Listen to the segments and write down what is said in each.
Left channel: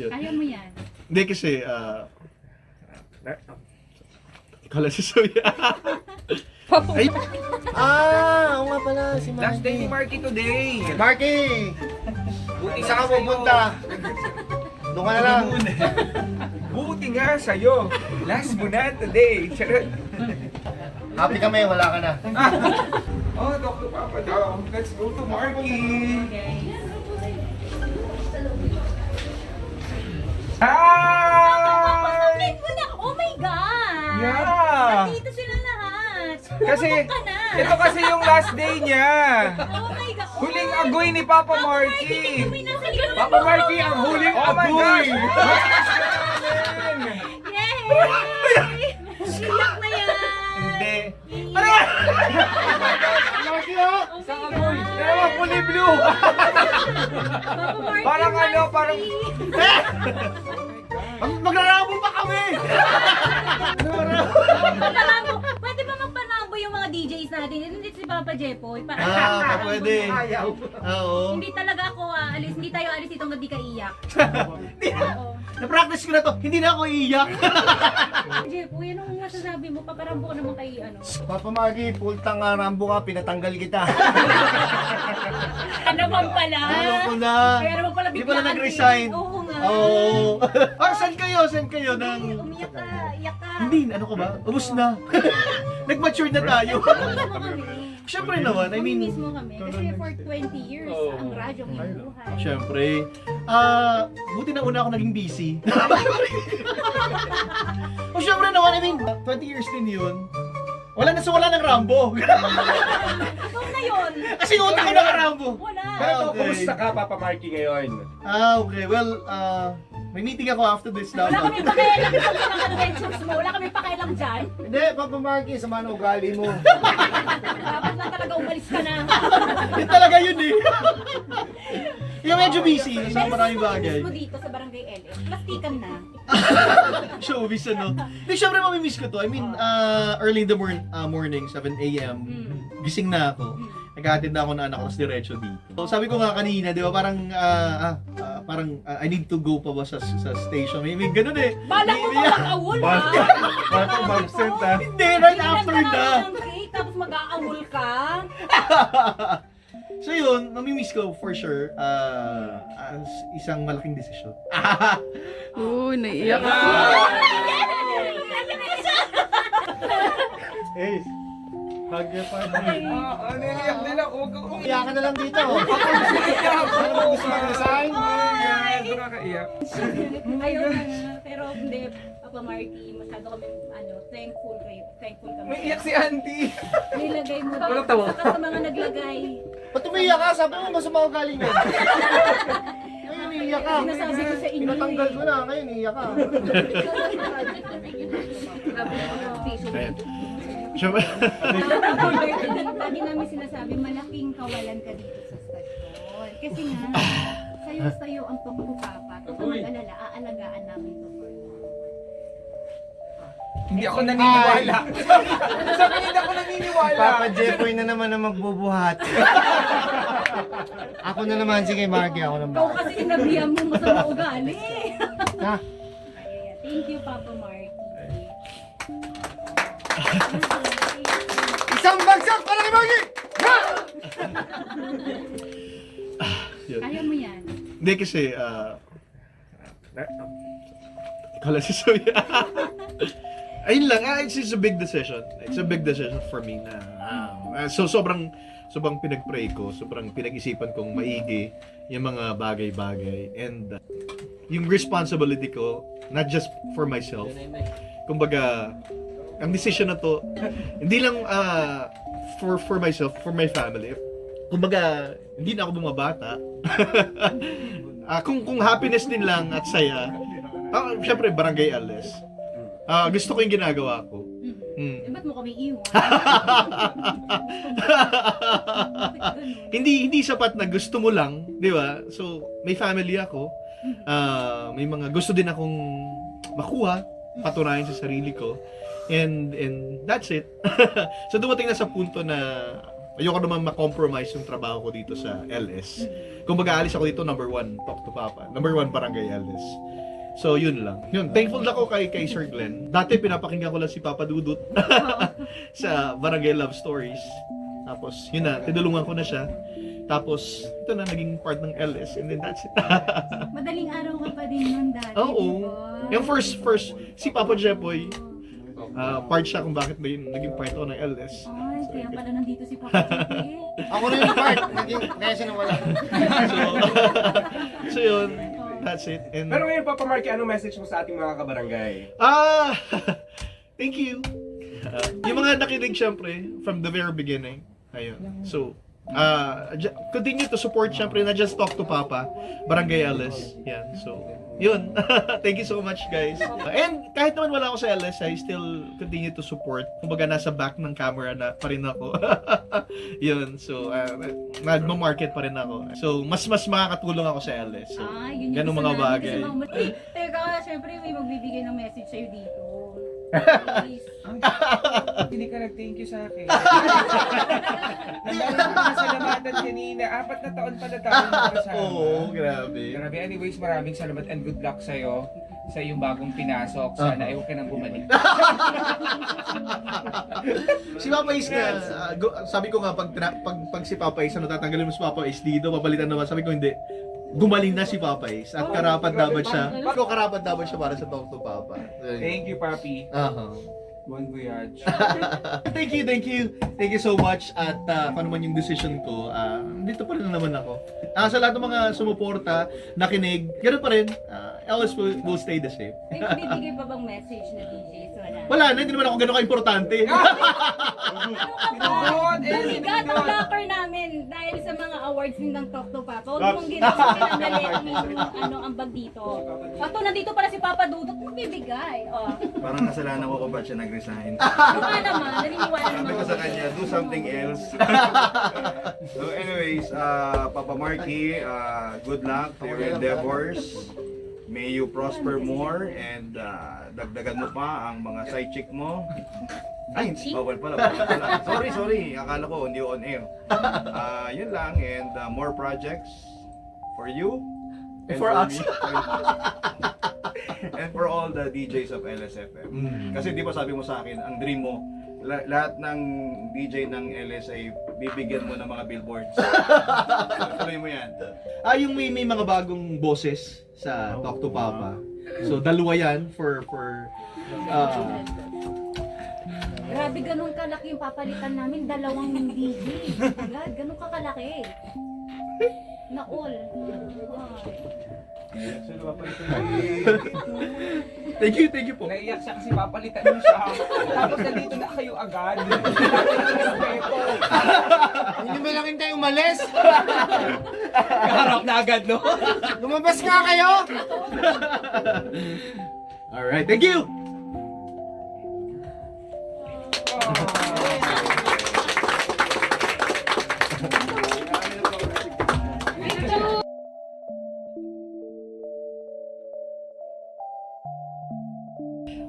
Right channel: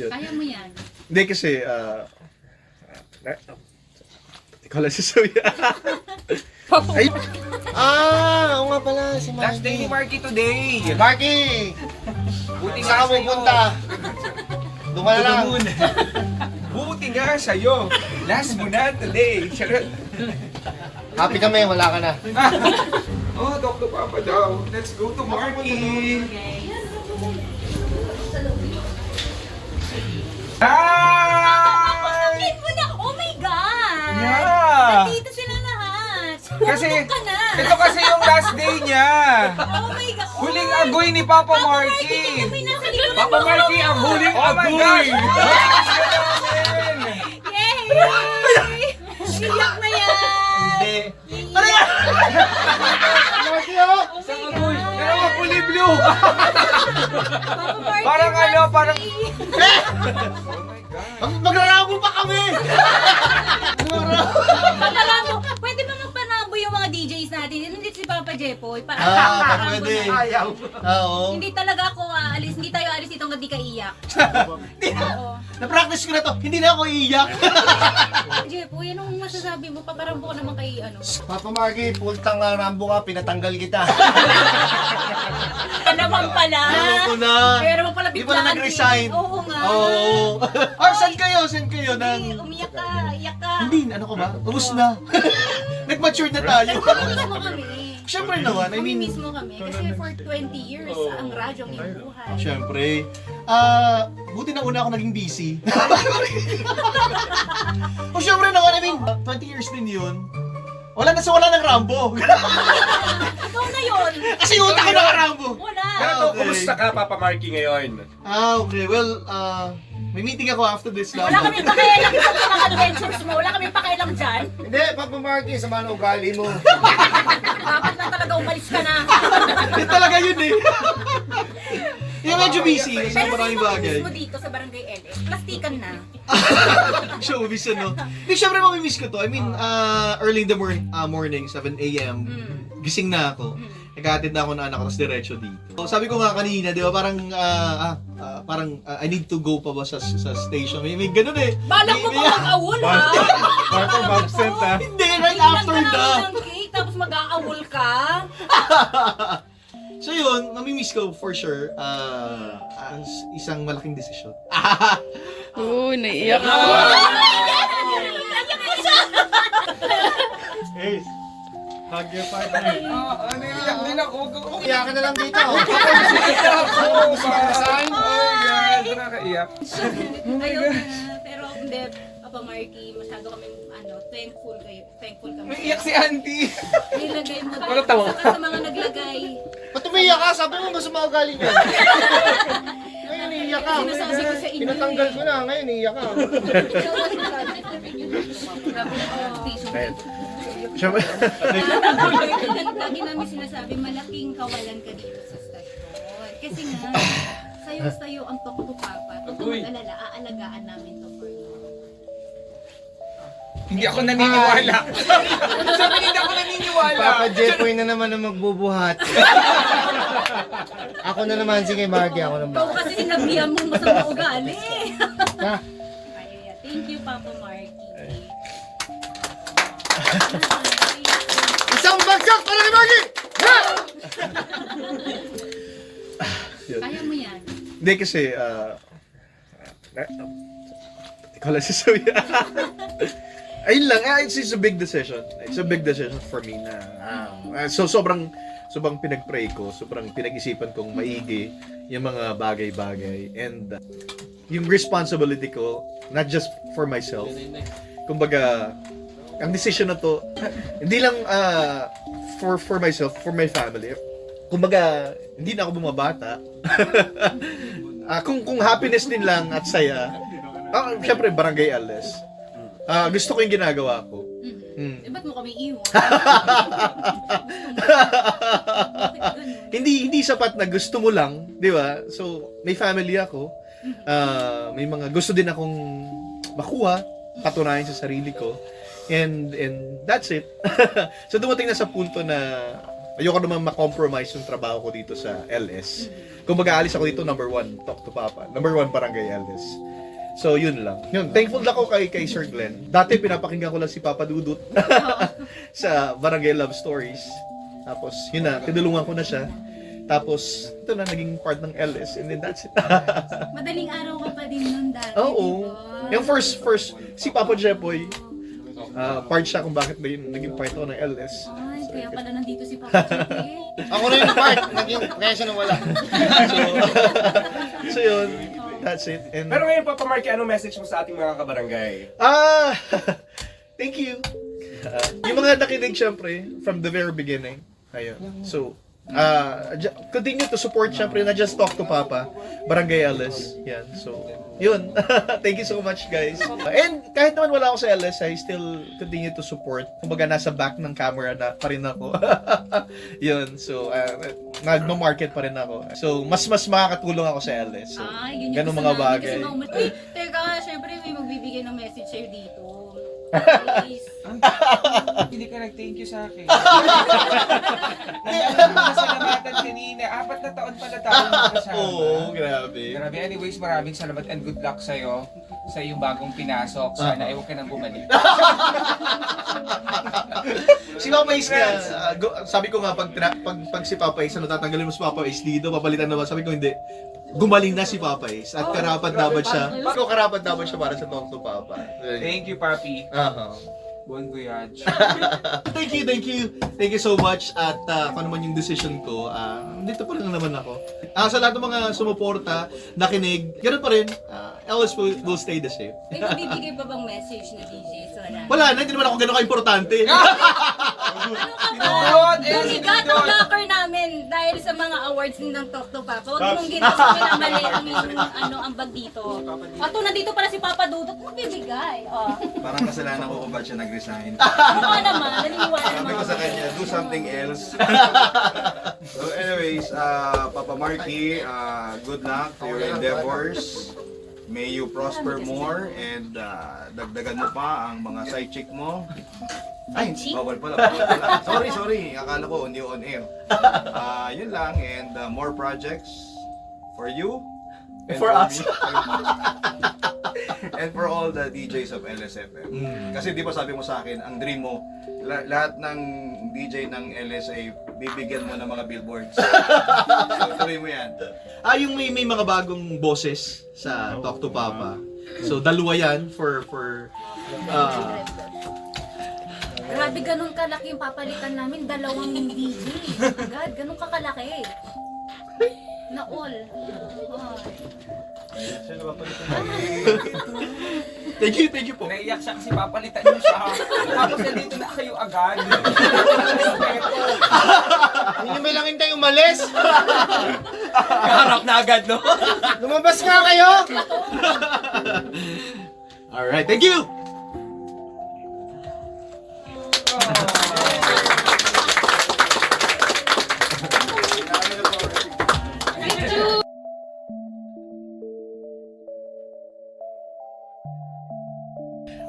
Yun. Kaya mo yan. Hindi kasi, ikaw lang si Suya. Ay, Oo nga pala, si Marky. Last day ni Marky today. Marky! Buti Saan ka sa'yo. pupunta? Doon ka na lang. Buti nga sa'yo. Last mo na today. Charot. Happy kami, wala ka na. Oh, talk to Papa daw. Let's go to Marky. Hi! Meet mo na! Oh my God! Yeah! Nandito sila lahat! Kasi, Pupunta ka na! ito kasi yung last day niya. Oh my God! Huling agoy ni Papa Marky. May nasa likod Papa Marky, ang huling agoy. Oh my gosh! Yay! Iyak na yan! Hindi. Ano yan? Marky, oh! Isang agoy. Pero ang kulay blue. Papa Marky, Parang ano, parang... Magrarabo pa kami! Patalabo! Pwede ba magpanabo yung mga DJs natin? Hindi si Papa Jepoy. Pwede. Ayaw. Oo. Hindi talaga ako aalis. Hindi tayo aalis dito hanggang di ka iyak. Oo. Na-practice ko na to, hindi na ako iiyak. Jepoy, anong masasabi mo? Paparambo ko naman kay ano. Papa Marky, pultang Rambo ka, pinatanggal kita. Ano naman pala? Ano ko na? Kaya naman pala Di ba na biglaan nag-resign? din. Oo nga. Oo. Saan kayo? Saan kayo? Hindi, Nang... umiyak ka, iyak ka. Hindi, ano ko ba? Ubus na. Nag-mature na tayo. Miss mo kami. Siyempre naman, I mean... Miss mo kami. Kasi for 20 years, ang radyo ang iyong buhay. Siyempre. Buti na una ako naging busy. Siyempre naman, I mean, 20 years din yun. Wala ng Rambo. Ikaw na yun. Kasi yung utak ko naka-Rambo. Wala. Pero to, Okay. kumusta ka, Papa Marky, ngayon? Okay. Well, may meeting ako after this Wala lang. kami pakialam sa mga adventures mo. Wala kami pakialam dyan. Hindi, Papa Marky, sama na ugali mo. Dapat lang talaga umalis ka na. Yun talaga yun eh. Yung medyo busy kasi Pero maraming bagay. miss mo dito sa Barangay LS, plastikan na. Showbiz ano. Hindi, syempre mamimiss ko to. I mean, early in the morning, 7 a.m. Gising na ako. Naghahatid na ako ng anak ko, tapos diretso dito. So, sabi ko nga kanina, di ba, parang I need to go pa ba sa station. May ganun eh. Balak mo ba mag-awol ha? Papa Mabsent, ha? Hindi, right after Bilang ka na. namin ng cake, tapos mag-aawol ka. So yun, mamimiss ko for sure. As isang malaking desisyon. Naiiyak ako. Ace, hug your partner. Naiiyak din ako. Huwag ako Iyakan na lang dito. Sign? Oh my God, nakakaiyak. Ayaw na. Pero hindi, Papa Marky, masyado kami thankful kayo. Thankful kami. Naiiyak si Auntie. Nilagay mo Walang tawa. Saka sa mga naglagay. Ba't umiiyak ka? Sabi mo masama ugali ka. Ngayon iiyak ka. Sinasabi ko sa inyo Pinatanggal ko na. Ngayon iiyak ka. Ayan. Siyempre, Lagi namin sinasabi, malaking kawalan ka dito sa stasyon. Kasi nga, sayo ang tuktok papa. Huwag kang mag-alala, aalagaan namin to for you. Hindi ako naniniwala. Sabi hindi ako naniniwala. Papa Jepoy na naman ang magbubuhat. Ako na naman, sige Marky, ako naman. Ikaw kasi sinabihan mo masama ugali. Ha? Ay, thank you, Papa Marky. Isang bagsak para kay Marky! yun. Kaya mo yan. Hindi kasi, ikaw lang si Suya. Ayun lang, it's a big decision. It's a big decision for me na, so sobrang pinag-pray ko, sobrang pinag-isipan kong maigi yung mga bagay-bagay. And yung responsibility ko, not just for myself. Kumbaga, ang decision na to, hindi lang for myself, for my family. Kumbaga, hindi na ako bumabata. Kung happiness din lang at saya, syempre Barangay LS. Gusto ko yung ginagawa ko. Eh, ba't mo kami iwan? Hindi sapat na gusto mo lang, 'di ba? So, may family ako. May mga gusto din akong makuha, patunayan sa sarili ko. And that's it. So dumating na sa punto na ayoko naman ma-compromise yung trabaho ko dito sa LS. Kung mag-aalis ako dito, number 1, Talk to Papa. Number 1, Barangay LS. So, yun lang. Yun, thankful ako kay Sir Glenn. Dati, pinapakinggan ko lang si Papa Dudut sa Barangay Love Stories. Tapos, yun na, tinulungan ko na siya. Tapos, ito na, naging part ng LS. And then, that's it. Madaling araw ka pa din nun dati. Oo. diba? Yung first, si Papa Jepoy, part siya kung bakit naging part ako ng LS. Ay, kaya pala nandito si Papa Chicky. Ako na yung part, naging kaya siya nawala. So yun, that's it. And, Pero ngayon, Papa Marky, anong message mo sa ating mga kabarangay? thank you. Yung mga nakinig syempre, from the very beginning. Ayun. So, continue to support syempre, na just Talk to Papa, Barangay LS. Yan. So, yun. Thank you so much, guys. And kahit naman wala ako sa LS, I still continue to support. Kumbaga, nasa back ng camera na pa rin ako. Yun. So, nagma-market pa rin ako. So, mas makakatulong ako sa LS. So, Ay, yun yung ganun gusto mga namin bagay. kasi Uy, teka, syempre may magbibigay ng message sa'yo dito. Please. Hindi ka nag-thank you sa akin. Nandaan ko na sa lamatan kanina. 4 na taon pala tayo magkasama. Oo, grabe. Grabe. Anyways, maraming salamat and good luck sa'yo sa iyong bagong pinasok. Sana ayaw ka nang bumalik. Si Papa Ace nga, sabi ko nga, pag si Papa Ace, tatanggalin mo si Papa Ace dito, papalitan naman. Sabi ko, hindi. Gumaling na si Papa Ace at karapat dapat siya. Ikaw karapat dapat siya para sa Talk to Papa. Thank you, Papi. Bon voyage. Thank you so much. At kung ano man yung decision ko, dito pa rin naman ako. Sa lahat ng mga sumuporta, nakinig, ganoon pa rin. LS will stay the same. May magbibigay pa bang message na DJ? So, Wala na, hindi naman ako gano'n ka-importante. Sigat ang locker namin dahil sa mga awards din ng Talk to Papa. Huwag mong ginawa pinamali ang iyong ambag dito. Ato, nandito pala si Papa Dudut, magbibigay. Oh. Parang kasalanan ko kung ba't siya nag-resign. Mukha naman, naniniwala Sabi naman. ko sa kanya, do something else. So anyways, Papa Marky, good luck to your endeavors. May you prosper more and dagdagan mo pa ang mga side chick mo. Ay, bawal pala. Sorry. Akala ko hindi on air. Yun lang and more projects for you. And For us. me. And for all the DJs of LSFM. Kasi di ba sabi mo sa akin, ang dream mo, lahat ng DJ ng LSA, bibigyan mo ng mga billboards. So tuloy mo yan. Yung may mga bagong boses sa Talk to Papa. So, dalawa yan for Grabe, ganun kalaki yung papalitan namin. 2 DJ. God, ganun kakalaki. Na all. Thank you po. Naiyak siya kasi papalitan niyo siya. Tapos nandito na kayo agad. Hindi mo lang hintay umalis. Harap na agad, no? Lumabas nga kayo. Alright, thank you!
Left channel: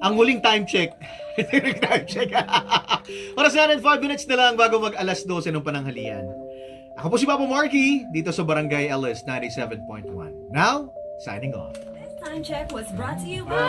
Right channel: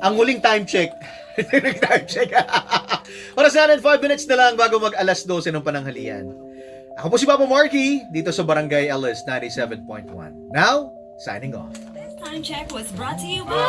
Ang huling time check. Time check. Oras na 5 minutes na lang bago mag alas 12 ng pananghalian. Ako po si Papa Marky, dito sa Barangay LS 97.1. Now, signing off. This time check was brought to you by